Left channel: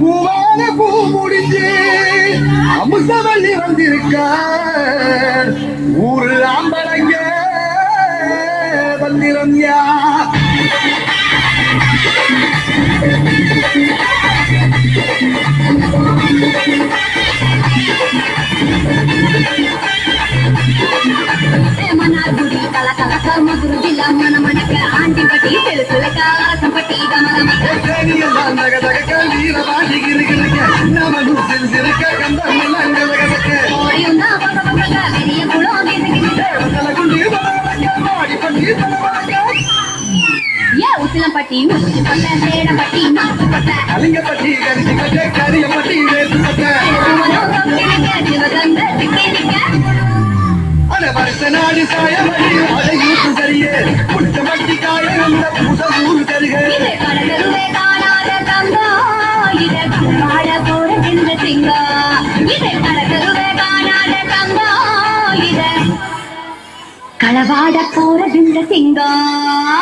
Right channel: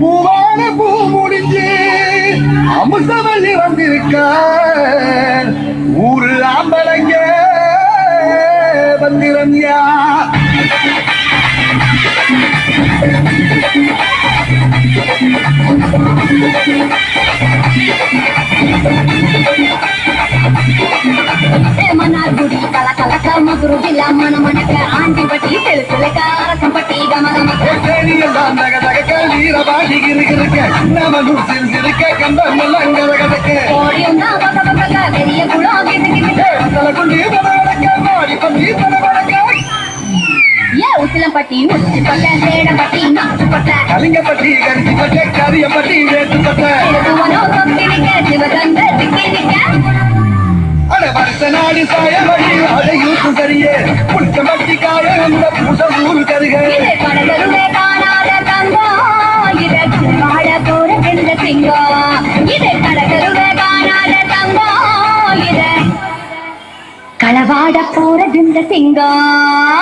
பூவான பூ முடிஞ்சு அமுசவல்லி வந்திருக்க ஊரு ஆம்பளைங்க வந்திருந்தியா మనాగుడి కల కలక మగురు జిల్లా మన మనక ఆంటి పట్టి తెలుసులక సంపట్టి గమ గమ ఓడియున్నా బగ బగ వెరియ పులో ఏ ఉసిలం పట్టి ముచ్చి పట్ట తేడ పట్టి నాచు పట్ట கலிங்க பட்டி கரிசி பட்ட கரிய பட்டி வேட்டு பட்ட சிவகங்க திக்கினிக்க வருஷ நாடி சாய வழி அதை யூத்து சரியே புளிச்ச மட்டி காய அந்த பூச ஊரு கருக இது கடகருவே காணாத தங்கம் இது வாழ போற வெந்த சிங்கம் இது கடகருவே காணாத தங்கம் இது களவாட போற வெந்த சிங்கம்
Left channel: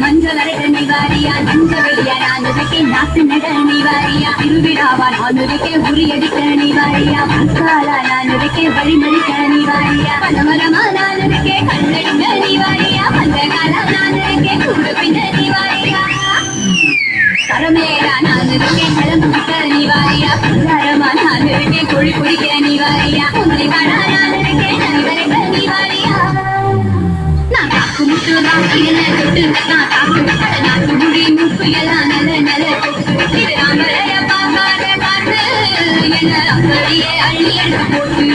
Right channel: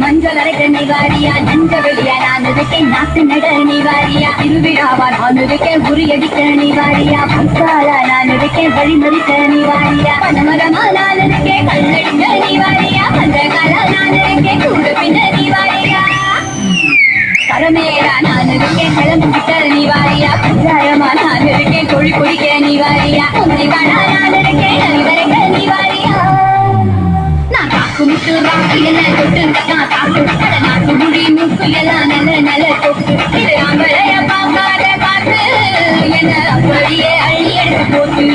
மஞ்சள் அரைத்த நிவாரியா நஞ்ச வெளிய நான் இருக்கேன் நாட்டு நட நிவாரியா இருவிடாவா நான் இருக்கேன் உரியடித்த நிவாரியா பசாலா நான் இருக்கேன் வழிமறித்த நிவாரியா பனமரமா நான் இருக்கேன் கல்லடித்த நிவாரியா பந்தகாலா நான் இருக்கேன் கூட பின்ன நிவாரியா கரமேரா நான் இருக்கேன் கிளம்பு விட்ட நிவாரியா பஞ்சாயமா நான் இருக்கேன் கொழி குடிக்கிற நிவாரியா உங்களிவானா நான் இருக்கேன் நலிவரைக்க நிவாரியா நான் தாக்கு முட்டு ராசி என்ன தொட்டு நான் தாக்கு நாட்டு முடி முட்டு எல்லாம் நல்ல நல்ல தொட்டு இது அம்பளைய பார்க்காத காத்து என்ன அப்படியே அள்ளி எடுக்க போட்டு